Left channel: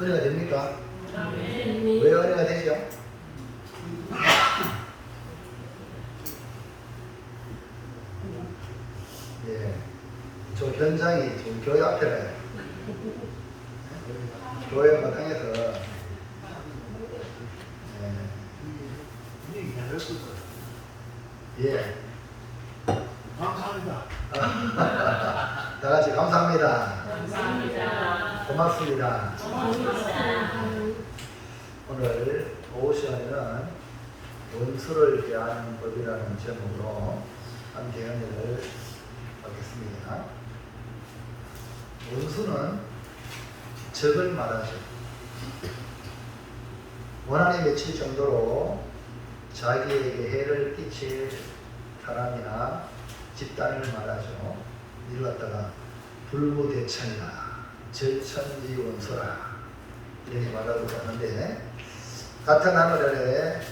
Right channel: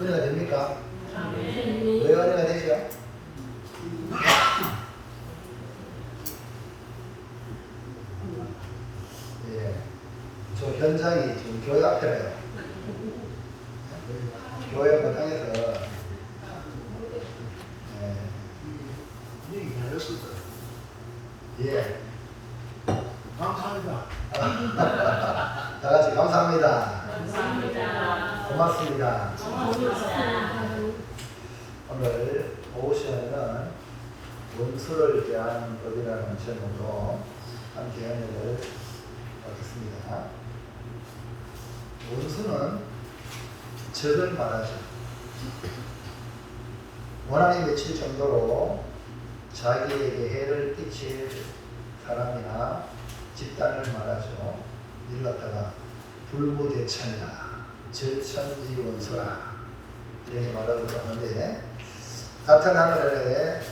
은혜가 됩니까? 아멘. 왜 은혜가 되죠? 예, 저 현장이 지금 교회 앞에래요. 교회 마당에서 예. 감사합니다. 다 같이 감사합니다. 감사합니다. 고맙습니다. 감사합니다. 오늘 오후 시간에는 원수를 대하는 법이라는 제목으로 함께 연애를 하겠습니다. 원수는 적을 말하죠. 원한이 맺힐 정도로 자기에게 해를 끼칠 사람이나 집단을 말하죠. 이를 갖다가 불무대천이라 절천지 원수라 이렇게 말하고 있었는데, 같은 하늘 아래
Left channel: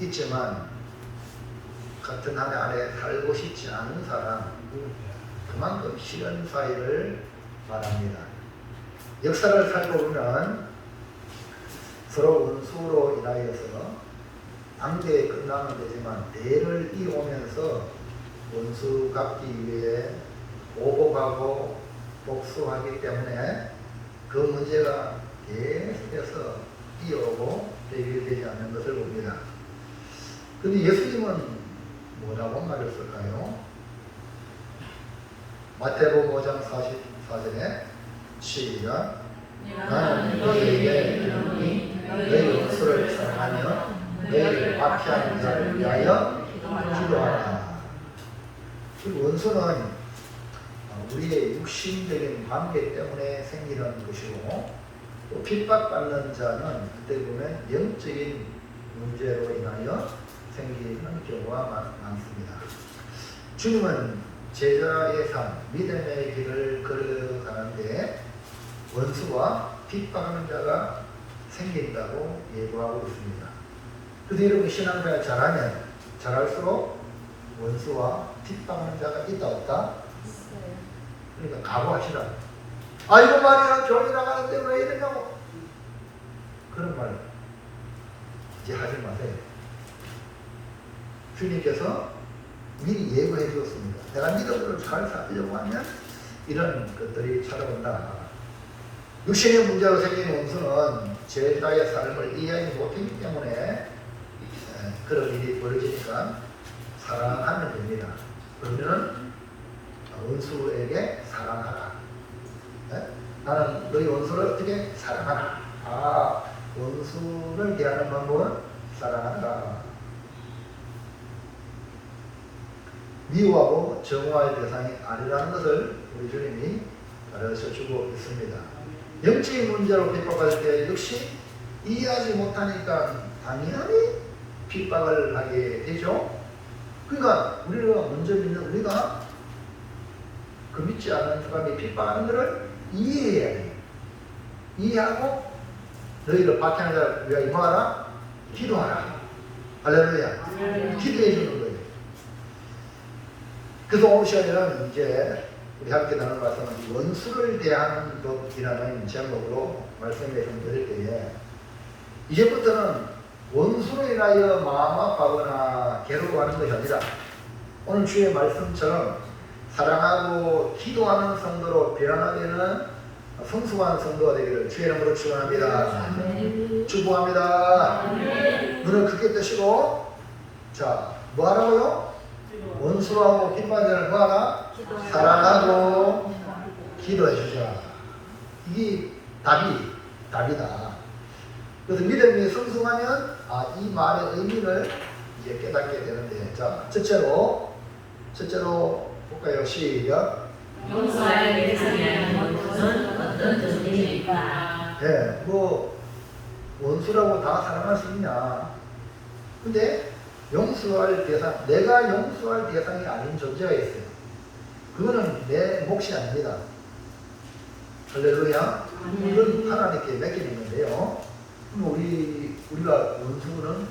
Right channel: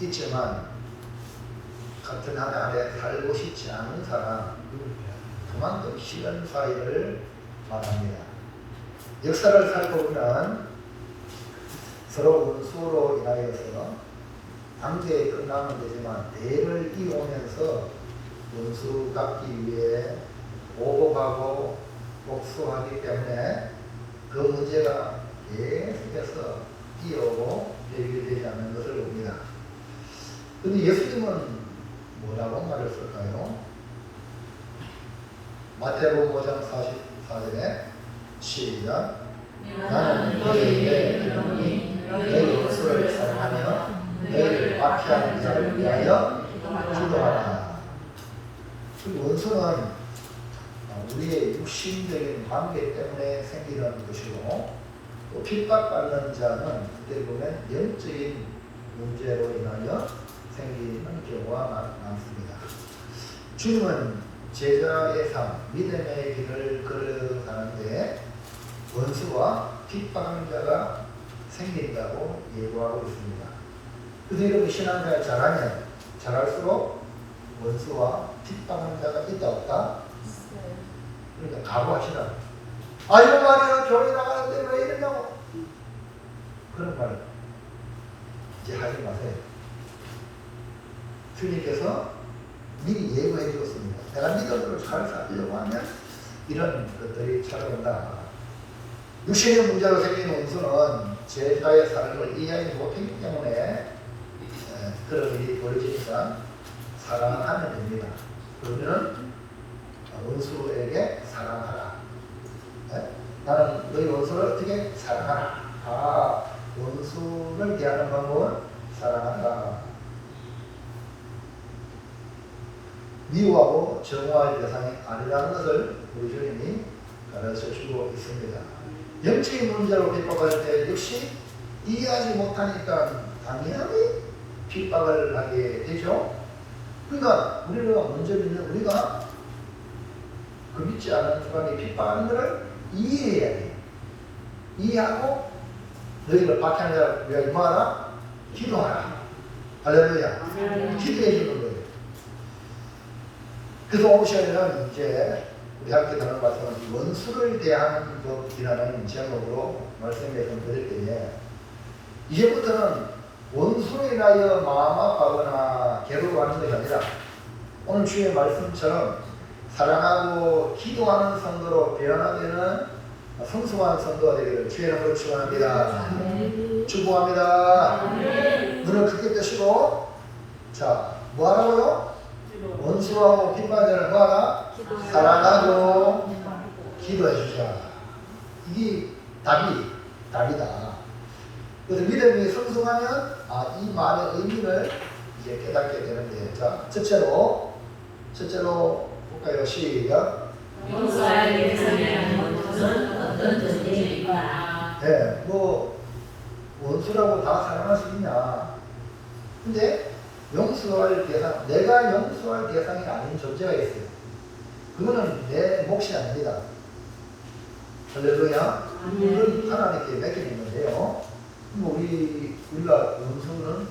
있지만 같은 하늘 아래 살고 싶지 않은 사람, 그만큼 싫은 사이를 말합니다. 역사를 살고 보면 서로 원수로 인하여서 관계 끝나면 되지만 대를 이어오면서 원수 갚기 위해 오고가고 복수하기 때문에 그 문제가 계속해서 이어오고 해결되지 않는 것을 봅니다. 그런데 예수님은 뭐라고 말을 쓸까요? 마태복음 5장 44절에 시작. 나는 너희에게 이르노니 너희 원수를 사랑하며 너희를 박해하는 자를 위하여 기도하라. 원수는 우리의 육신적인 관계 때문에 생기는 것이고, 또 핍박받는 자는 그때 보면 영적인 문제로 인하여 생기는 경우가 많습니다. 주님은 제자의 삶, 믿음의 길을 걸어가는데 원수와 핍박하는 자가 생긴다고 예고하고 있습니다. 그런데 이렇게 신앙생활 잘하면 잘할수록 원수와 핍박하는 자가 있다 없다? 있어요. 그러니까 각오하시라. 아 이거 말이야 교회 나가는데 왜 이러냐고, 그런 말 이제 하지 마세요. 주님께서 미리 예고해 주었습니다. 내가 믿음으로 잘 살려고 하면 이런 것들이 찾아온다. 육신의 문제로 생긴 원수는 제자의 삶을 이해하지 못하기 때문에 그런 일이 벌어지니까 사랑하면 됩니다. 그러면 원수에게 사랑하라. 나는 너희 원수를 어떻게 사랑하라. 원수를 대하는 방법은 사랑하라. 미워하고 정오할 대상이 아니라는 것을 우리 주님이 가르쳐 주고 있습니다. 영적인 문제로 핍박할 때 역시 이해하지 못하니까 당연히 핍박을 하게 되죠. 그러니까 우리가 먼저 믿는 우리가 그 믿지 않은 사람이 핍박하는 것을 이해해야 돼요. 이해하고 너희를 박해하는 자를 위하여 뭐하라? 기도하라. 할렐루야. 기도해 주는 거예요. 그래서 오늘 시간에는 이제 우리 함께 나눌 말씀은 원수를 대하는 법이라는 제목으로 말씀을 드릴 때에, 이제부터는 원수로 인하여 마음 아파하거나 괴로워하는 것이 아니라 오늘 주의 말씀처럼 사랑하고 기도하는 성도로 변화되는 성숙한 성도가 되기를 주의 이름으로 축원합니다. 축복합니다. 눈을 크게 뜨시고, 자, 뭐 하라고요? 원수하고 핍박자를 뭐하라? 사랑하고 기도해 주자. 이게 답이다. 그래서 믿음이 성숙하면 이 말의 의미를 이제 깨닫게 되는데, 자, 첫째로 볼까요? 시작. 용서할 대상이라는 것은 어떤 뜻입니까? 예, 원수라고 다 사랑할 수 있냐? 근데 용서할 대상, 내가 용서할 대상이 아닌 존재가 있어요. 그거는 내 몫이 아닙니다. 할렐루야. 그건 하나님께 맡기는 건데요. 우리가 원수는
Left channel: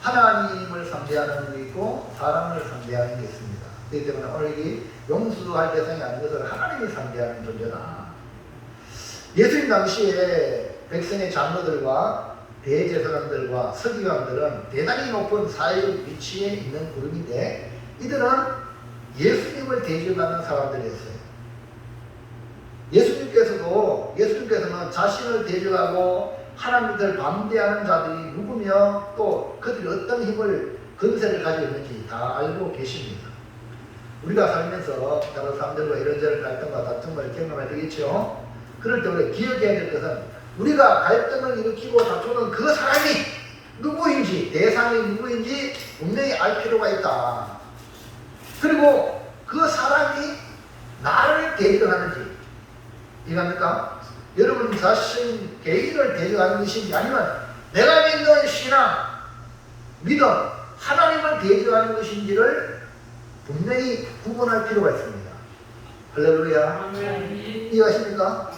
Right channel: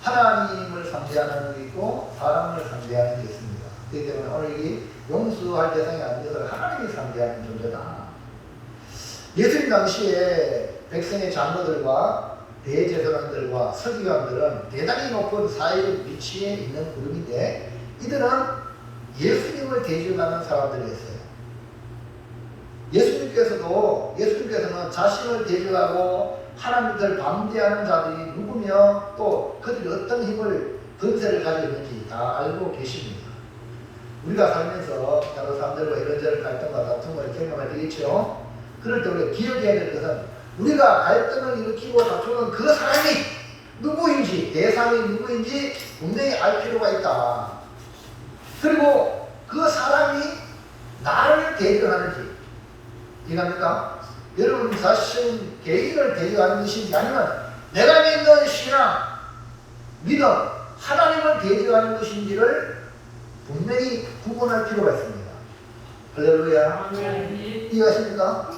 하나님을 상대하는 게 있고 사람을 상대하는 게 있습니다. 그렇기 때문에 오늘 이 용서할 대상이 아닌 것을 하나님이 상대하는 존재다. 예수님 당시에 백성의 장로들과 대제사장들과 서기관들은 대단히 높은 사회적 위치에 있는 그룹인데 이들은 예수님을 대적하는 사람들이었어요. 예수님께서는 자신을 대적하고 하나님을 반대하는 자들이 누구며 또 그들이 어떤 힘을 건세를 가지고 있는지 다 알고 계십니다. 우리가 살면서 다른 사람들과 이런저런 갈등과 다툼을 경험하게 되겠죠. 그럴 때 우리가 기억해야 될 것은 우리가 갈등을 일으키고 다투는 그 사람이 누구인지, 대상이 누구인지 분명히 알 필요가 있다. 그리고 그 사람이 나를 대적하는지 이해갑니까? 여러분 자신 개인을 대적하는 것인지 아니면 내가 믿는 신앙, 믿음, 하나님을 대적하는 것인지를 분명히 구분할 필요가 있습니다. 할렐루야. 이해하십니까?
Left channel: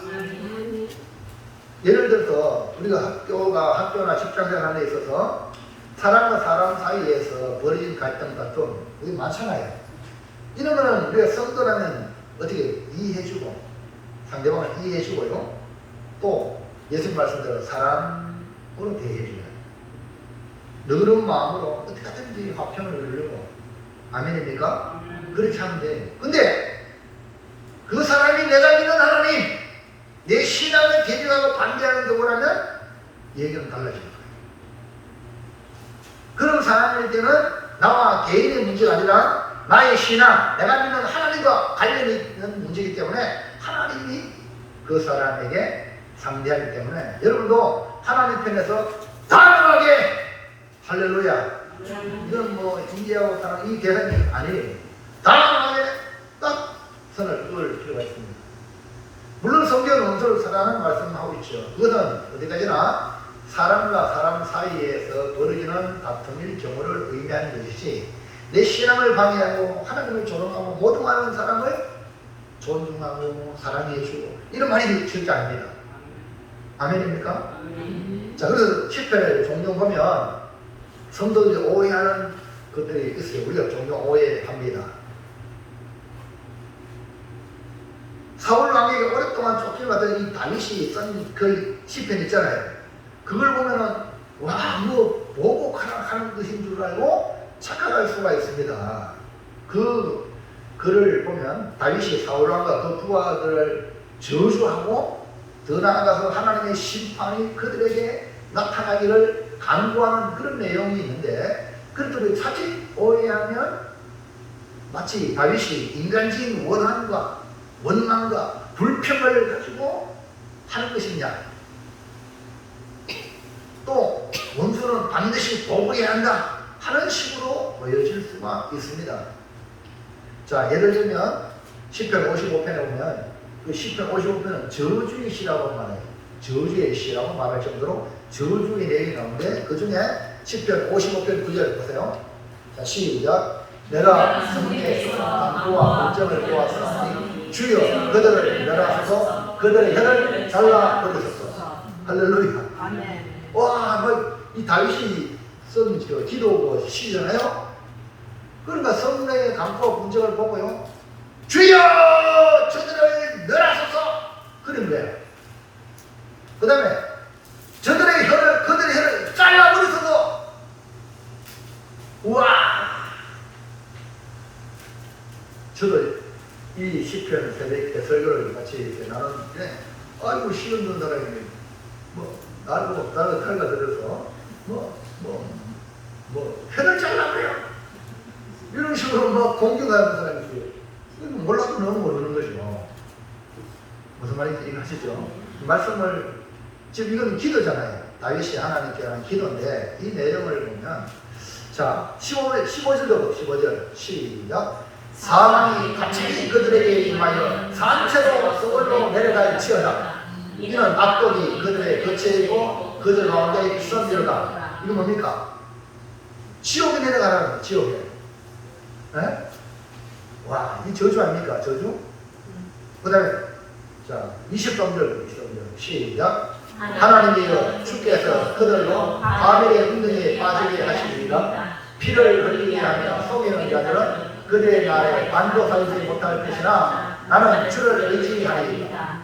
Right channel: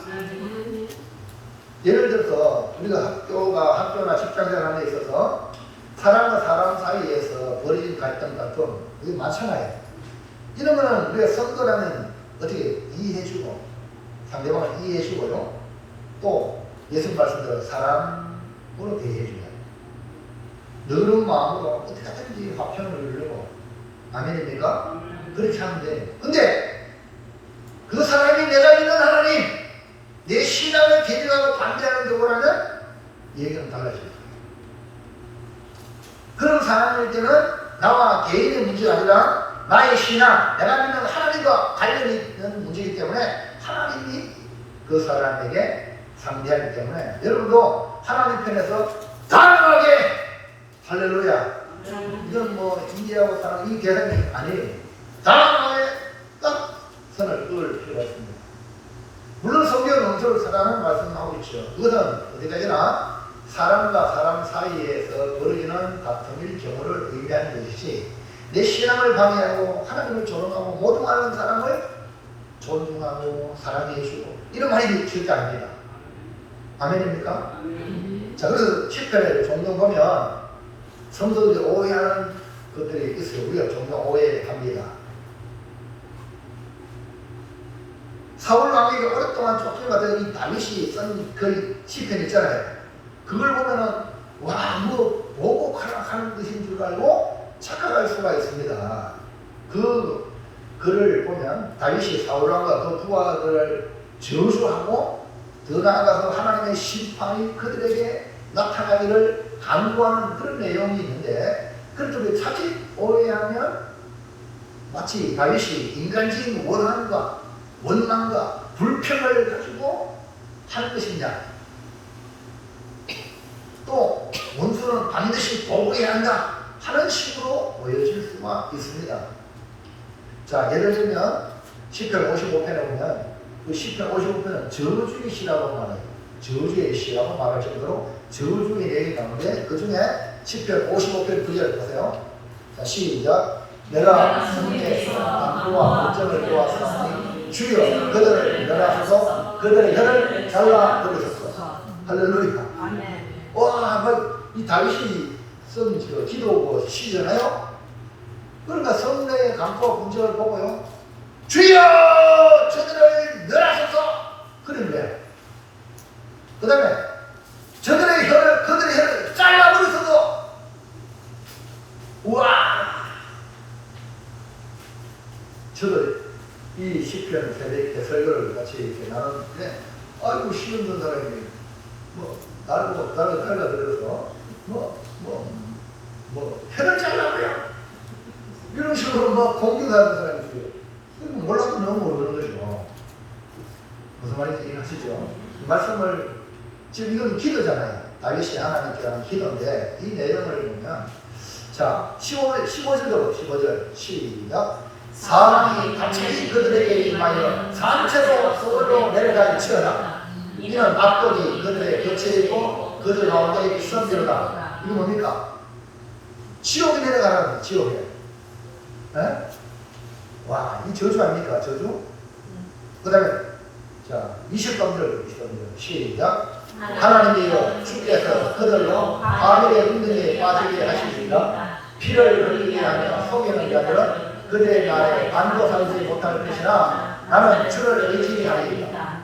예를 들어서 우리가 학교나 직장생활에 있어서 사람과 사람 사이에서 벌어진 갈등, 다툼 이게 많잖아요. 이런 거는 우리가 성도라면 어떻게 이해해주고 상대방을 이해해주고요. 또 예수님 말씀대로 사람으로 대해주면 너그러운 마음으로 어떻게 하든지 화평을 누리려고. 아멘입니까? 그렇게 하면 돼요. 근데 그 사람이 내가 믿는 하나님, 내 신앙을 대적하고 반대하는 누구라면 얘기는 달라질 거예요. 그런 상황일 때는 나와 개인의 문제가 아니라 나의 신앙, 내가 믿는 하나님과 관련이 있는 문제이기 때문에 하나님이 그 사람에게 상대하기 때문에 여러분도 하나님 편에서 단호하게 할렐루야. 이건 뭐 인지하고 사는 이 대상이 아니에요. 단호하게 딱 선을 그을 필요가 있습니다. 물론 성경은 은솔 사랑하는 말씀하고 있죠. 그것은 어디까지나 사람과 사람 사이에서 벌어지는 다툼일 경우를 의미하는 것이지 내 신앙을 방해하고 하나님을 조롱하고 모독하는 사람을 존중하고 사랑해주고 이런 말이 절대 아닙니다. 아멘입니까? 자, 그래서 10편을 종종 보면 성도들이 오해하는 것들이 있어요. 우리가 종종 오해합니다. 사울 왕에게 오랫동안 쫓겨가던 이 다윗이 쓴 그 시편 있잖아요. 그걸 보면은 와, 뭐 보복하는 것인 줄 알고 착각할 수가 있습니다. 그 글을 보면 다윗이 사울 왕과 그 부하들을 저주하고 더 나아가서 하나님의 심판이 그들에게 나타나기를 간구하는 그런 내용이 있는데 그렇다고 사실 오해하면 마치 다윗이 인간적인 원망과 불평을 가지고 하는 것이냐 또 원수는 반드시 보복해야 한다 하는 식으로 보여질 수가 있습니다. 자, 예를 들면 10편 55편에 보면 그 10편 55편은 저주의 시라고 말해요. 저주의 시라고 말할 정도로 저주의 내용 가운데 그 중에 10편 55편 9절 보세요. 자, 시작. 내가 성에서 안고와 물정을 보았으니 주여 그들을 멸하소서 그들의 혀를 잘라 버리소서. 할렐루야. 아멘. 와, 이 다윗이 쓴 기도 시잖아요. 그러니까 성내의 강포와 분쟁을 보고요. 주여 저들을 멸하소서 그런 거예요. 그 다음에 그들의 혀를 잘라버리소서. 우와, 저도 이 시편 세대 설교를 같이 이렇게 나누는데 아이고 시험 든 사람이 나를 칼가 들여서 혀를 잘라버려 이런 식으로 공격하는 사람이 있어요. 몰라도 너무 모르는 거죠. 무슨 말인지 이해하시죠? 이 말씀을 지금 이건 기도잖아요. 다윗이 하나님께 하는 기도인데 이 내용을 보면 자 15절도 15절 시작. 사망이 갑자기 그들에게 임하여 산채로 서울로 내려갈지어다. 이는 압독이 그들의 겉에 있고 그들 가운데 선비로다. 이거 뭡니까? 지옥에 내려가라는 거예요. 지옥에. 네? 와, 이 저주 아닙니까? 저주? 그 다음에 자 23절 시작. 하나님이여 주께서 그들로 바벨의 운동에 빠지게 하시리라. 피를 흘리게 하며 속이는 게 아니라 그들의 날에 반도 살지 못할 것이나 나는 주를 의지하리라.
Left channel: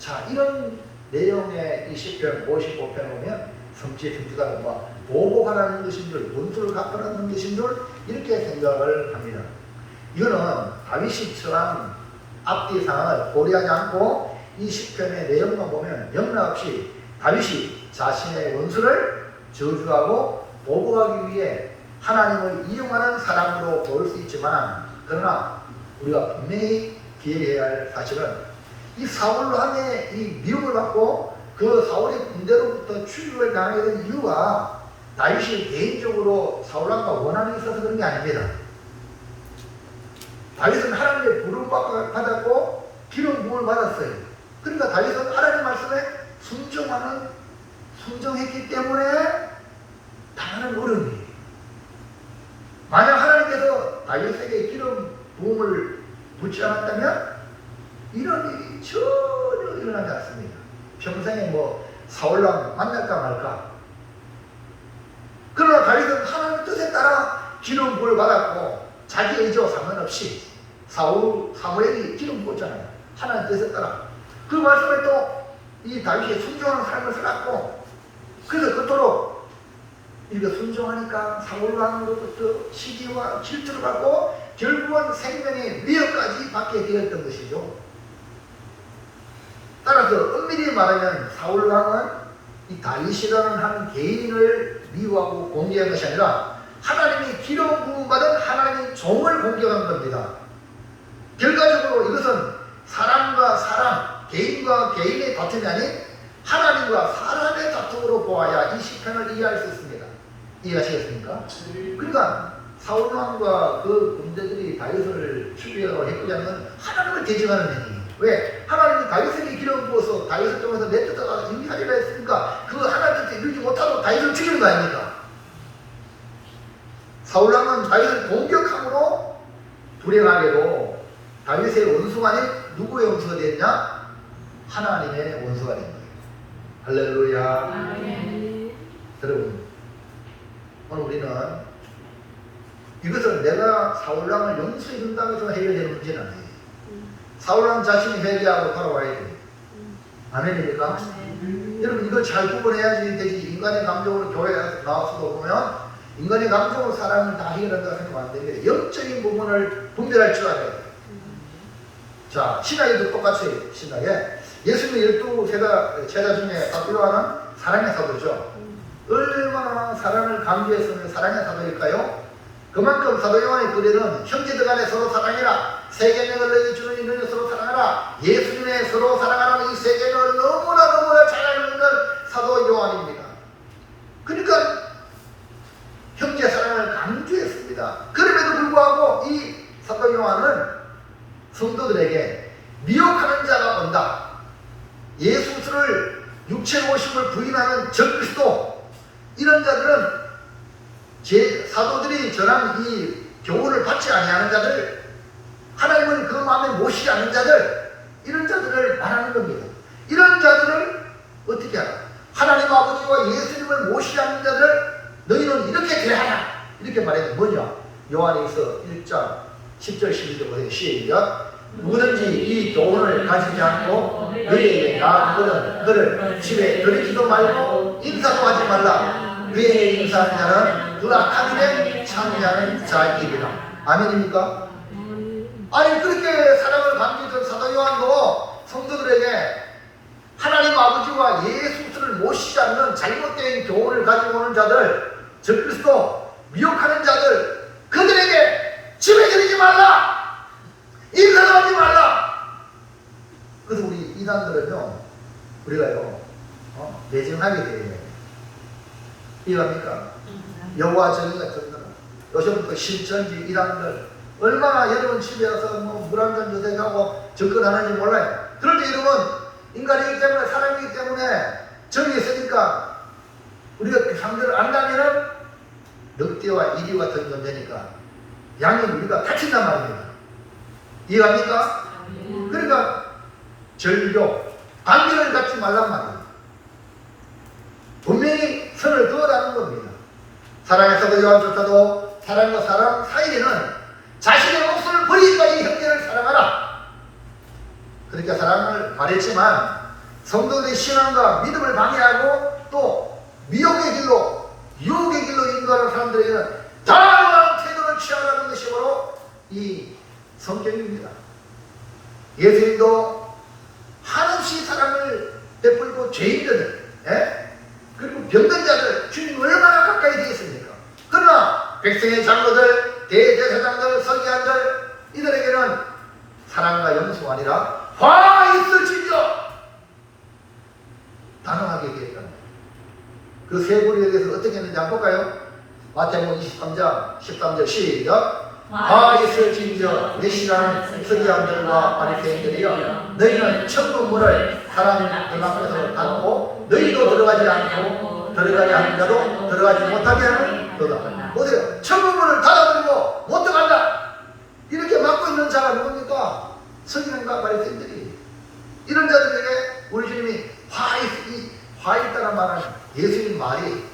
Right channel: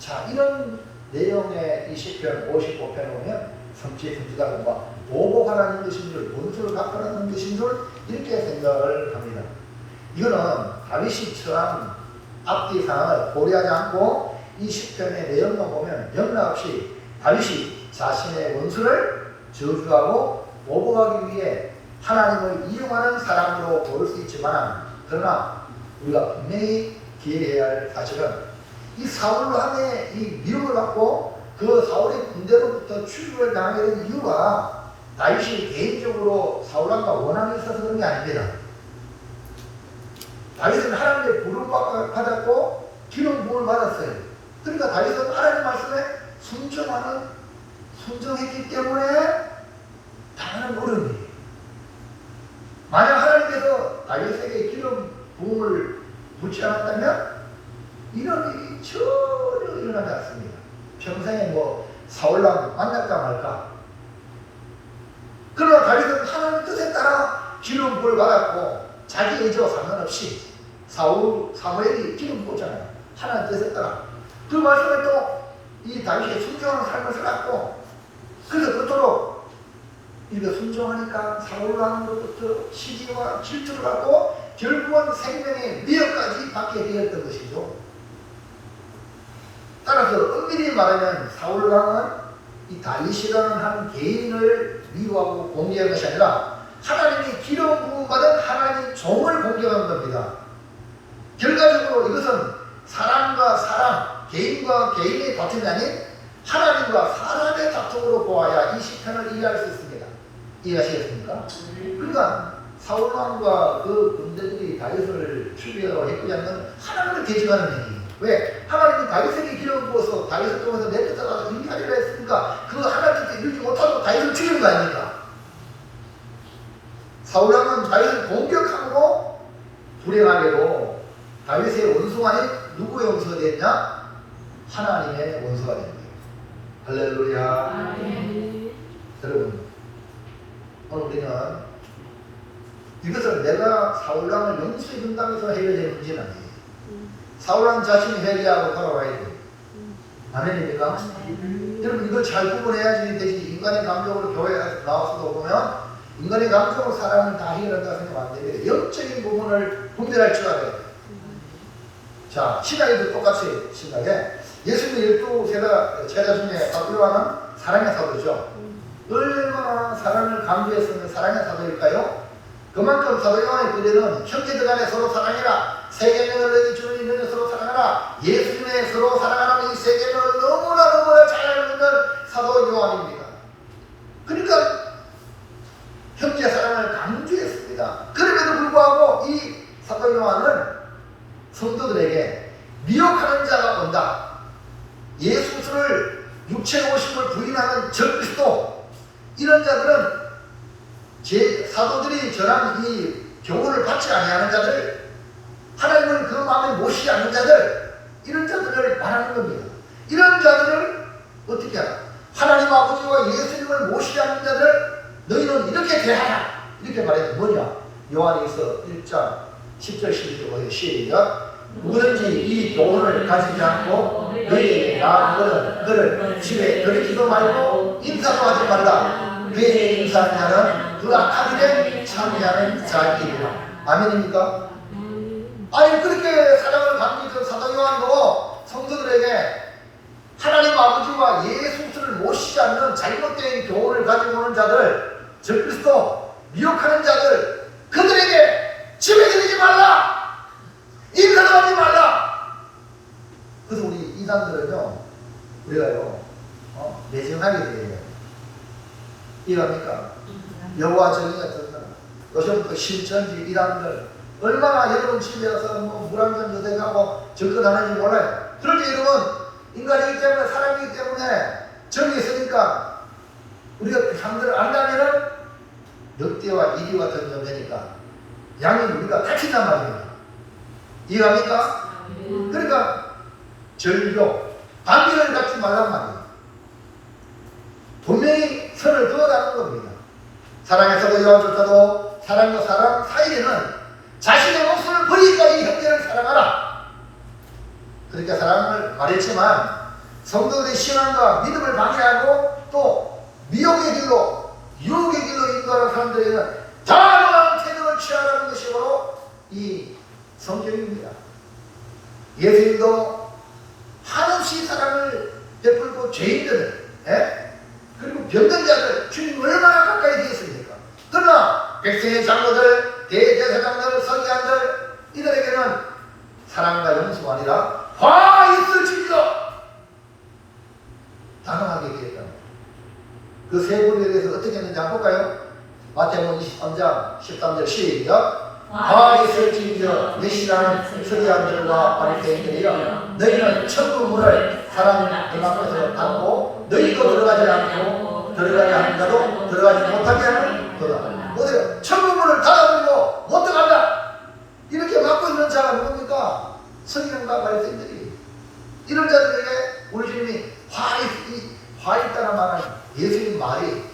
자, 이런 내용의 이 시편 55편 보면 성취의 성취다고 막 보복하라는 것인 줄, 원수를 갚아라는 것인 줄 이렇게 생각을 합니다. 이거는 다윗이 처한 앞뒤 상황을 고려하지 않고 이 시편의 내용만 보면 영락없이 다윗이 자신의 원수를 저주하고 보복하기 위해 하나님을 이용하는 사람으로 보일 수 있지만, 그러나 우리가 분명히 기억해야 할 사실은 이 사울로 한해 이 미움을 받고 그 사울의 군대로부터 추격을 당하게 된 이유가 다윗이 개인적으로 사울왕과 원한이 있어서 그런 게 아닙니다. 다윗은 하나님의 부름을 받았고 기름 부음을 받았어요. 그러니까 다윗은 하나님 말씀에 순종했기 때문에 당하는 어려움이에요. 만약 하나님께서 다윗에게 기름 부음을 묻지 않았다면 이런 일이 전혀 일어나지 않습니다. 평생에 뭐 사울왕 만날까 말까. 그러나 다윗은 하나님의 뜻에 따라 기름 부음을 받았고 자기 의지와 상관없이 사무엘이 기름 부었잖아요. 하나님 뜻에 따라 그 말씀을 또 이 다윗이 순종하는 삶을 살았고, 그래서 그토록 이렇게 순종하니까 사울왕으로부터 시기와 질투를 받고 결국은 생명의 미역까지 받게 되었던 것이죠. 따라서 엄밀히 말하면 사울왕은 이 다윗이라는 한 개인을 미워하고 공격한 것이 아니라 하나님이 기름 부음 받은 하나님 종을 공격한 겁니다. 결과적으로 이것은 사람과 사람, 개인과 개인의 다툼이 아닌 하나님과 사람의 다툼으로 보아야 이 시편을 이해할 수 있습니다. 이해하시겠습니까? 그러니까 사울왕과 그 군대들이 다윗을 추격했고 하면 하나님을 대적하는 얘기예요. 왜? 하나님이 다윗에게 기름 부어서 다윗을 통해서 내 뜻을 알아 인하리라 했으니까 그 하나님 뜻에 이루지 못하고 다윗을 죽이는 거 아닙니까? 사울왕은 다윗을 공격함으로 불행하게도 다윗의 원수가 아닌 누구의 원수가 됐냐? 하나님의 원수가 된 거예요. 할렐루야. 여러분, 오늘 우리는 이것은 내가 사울왕을 용서해 준다고 해서 해결되는 문제는 아니에요. 사울왕 자신이 회개하고 돌아와야 돼요. 아멘입니까? 여러분, 이걸 잘 구분해야지 되지. 인간의 감정으로 교회에 나와서도 보면 인간의 감정으로 사람은 다 해결한다고 생각하면 안 되는데 영적인 부분을 분별할 줄 알아야 돼요. 자, 신학에도 똑같이 신학에 예수님의 12 제자 중에 바꾸려 하는 사랑의 사도죠. 얼마나 사랑을 강조했으면 사랑의 사도일까요? 그만큼 사도 요한의 글에는 형제들 간에 서로 사랑해라, 세계명을 너희 주는 이는 서로 사랑하라, 예수님의 서로 사랑하라는 이 세계명을 너무나 잘 알고 있는 사도 요한입니다. 그러니까 형제 사랑을 강조했습니다. 그럼에도 불구하고 이 사도 요한은 성도들에게 미혹하는 자가 온다, 예수를 육체의 오심을 부인하는 적그리스도, 이런 자들은 사도들이 전한 이 교훈을 받지 아니하는 자들, 하나님을 그 마음에 모시지 않는 자들, 이런 자들을 말하는 겁니다. 이런 자들을 어떻게 하나? 하나님 아버지와 예수님을 모시지 않는 자들 너희는 이렇게 대하라, 이렇게 말했는데 뭐냐? 요한에서 1장 10절 12절 보세요. 시작. 누구든지 이 교훈을 가지지 않고 너희에게 나아오거든 그를 집에 들이지도 말고 인사도 하지 말라. 그의 인사하는 자는 그 악하게 참여하는 자이리라. 아멘입니까? 아니, 그렇게 사랑을 강조했던 사도 요한도 성도들에게 하나님 아버지와 예수를 모시지 않는 잘못된 교훈을 가지고 오는 자들, 적그리스도, 미혹하는 자들, 그들에게 집에 들이지 말라, 인사도 하지 말라. 그래서 우리 이단들은요, 우리가요, 내정하게 돼요. 이해합니까? 여호와 전이 같은 날, 요즘부터 신천지 이단들 얼마나 여러분 집에 와서 물 한잔 드세요하고 접근하는지 몰라요. 그런데 여러분, 인간이기 때문에, 사람이기 때문에 정이 있으니까 우리가 상대를 안 가면은 늑대와 이리 같은 존재니까 양이 우리가 갇힌단 말입니다. 이해합니까? 그러니까 절교, 관계를 갖지 말란 말이에요. 분명히 선을 그어라는 겁니다. 사랑에서도 요한조차도 사랑과 사랑 사이에는 자신의 목숨을 버리기까지 형제를 사랑하라, 그러니까 사랑을 말했지만 성도들의 신앙과 믿음을 방해하고 또 미혹의 길로 유혹의 길로 인도하는 사람들에게는 다양한 태도를 취하라는 것이 바로 이 성경입니다. 예수님도 한없이 사랑을 베풀고 죄인들 그리고 병든 자들 주님 얼마나 가까이 되었습니까? 그러나 백성의 장로들, 대제사장들, 서기관들 이들에게는 사랑과 용서가 아니라 화 있을진저 단호하게 얘기했답니다. 그 세 고리에 대해서 어떻게 했는지 한번 볼까요? 마태복음 23장 13절 시작. 화 있을진저 내 신앙은 서기관들과 바리새인들이여 너희는 천국 문을 사람 문 앞에서 닫고 너희도 들어가지 않고 들어가려 하는 자도 들어가지 못하게 하는 거다. 보세요. 천국 문을 닫아버리고 못 들어간다. 이렇게 막고 있는 자가 누굽니까? 서기관과 바리새인들이. 이런 자들에게 우리 주님이 화 있다는 말은 예수님 말이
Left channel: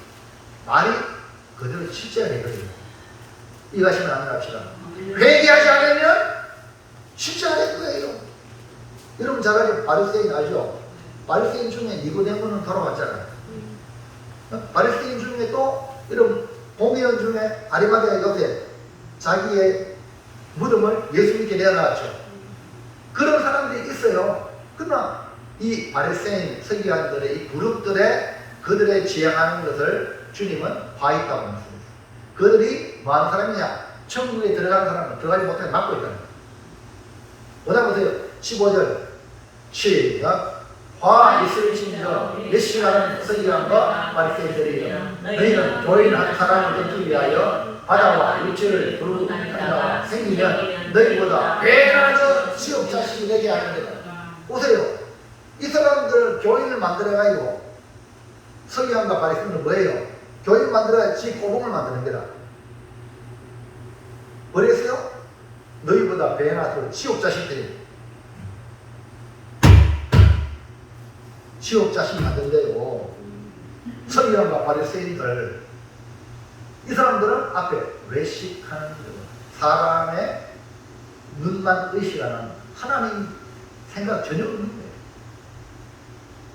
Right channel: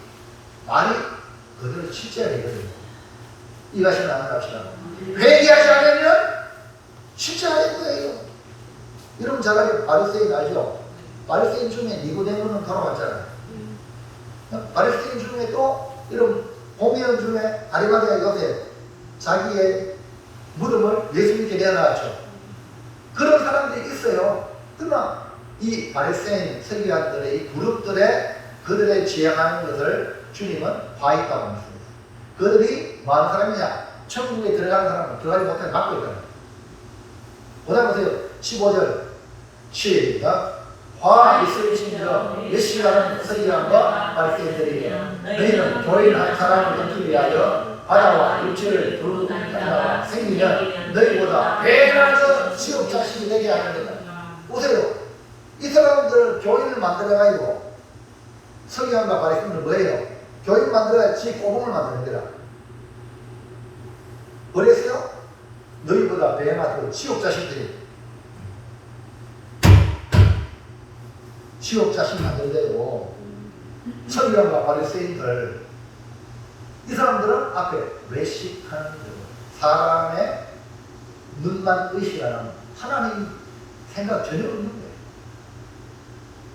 그대로 실제가 되거든요. 이것이 나누랍시다. 회개하지 않으면 실제 안 될 거예요. 여러분 잘 알죠? 바리새인 알죠? 바리새인 중에 니고데모는 걸어갔잖아요. 바리새인 중에 또 여러분 보미온 중에 아리마디아 요셉 자기의 무덤을 예수님께 내어놨죠. 그런 사람들이 있어요. 그러나 이 바리새인 서기관들의 이 그룹들의 그들의 지향하는 것을 주님은 화했다고 말씀합니다. 그들이 뭐하는 사람이냐? 천국에 들어가는 사람은 들어가지 못하게 막고 있다는 거예요. 보다 보세요. 15절 시작. 화 있을진저 몇 시간은 서기관과 바리새인들이여 너희는 교인한 사람을 얻기 위하여 바다와 육체를 두르고 다니다가 생기면 너희보다 배나는 지옥 자식이 되게 하는 거다. 보세요. 이 사람들 교인을 만들어가지고 서기관과 바리새인들은 뭐예요? 교인 만들어야 지 꼬봉을 만드는 게다. 그랬어요? 너희보다 배나 더 지옥 자식들이 지옥 자식 만든대요. 서기관과 바리새인들 이 사람들은 앞에 외식하는 사람의 눈만 의식하는 하나님 생각 전혀 없는 거예요.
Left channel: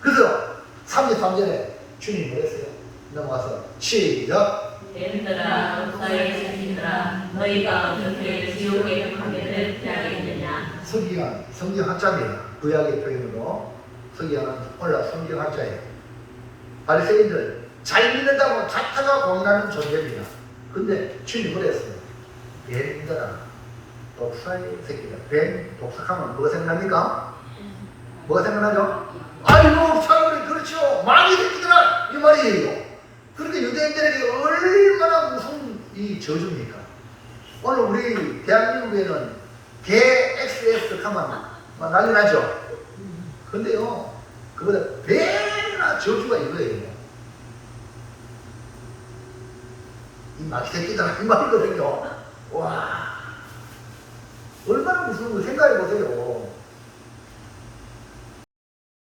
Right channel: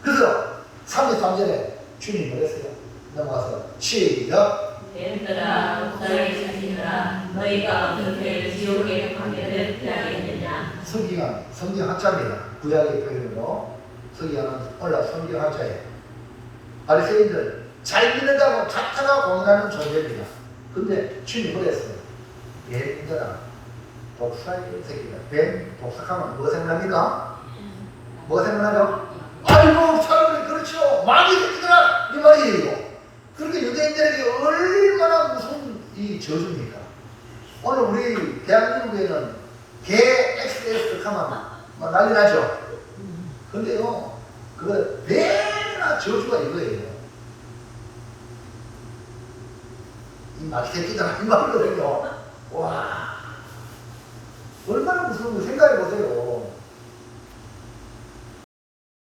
그래서 33절에 주님이 그랬어요. 넘어가서 시작. 얘들아 목사의 자식들아 너희가 어떻게 지옥에 가게 되겠느냐. 서기관, 성경 학자입니다. 구약의 표현으로 서기관은 원래 성경 학자예요. 바리새인들 잘 믿는다고 자타가 공인하는 존재입니다. 근데 주님이 그랬어요. 얘들아 독사의 새끼들. 뱀 독삭하면 뭐가 생각납니까? 뭐가 생각나죠? 아이고 사람들이 그렇죠. 많이 듣더라 이 말이에요. 그렇게 유대인들에게 얼마나 무슨 이 저주입니까? 오늘 우리 대한민국에는 개 XS 하면 난리 나죠. 근데요 그거 배나 저주가 이거예요. 이 막새끼들 이 말거든요. 와 얼마나 무서운 거 생각해 보세요.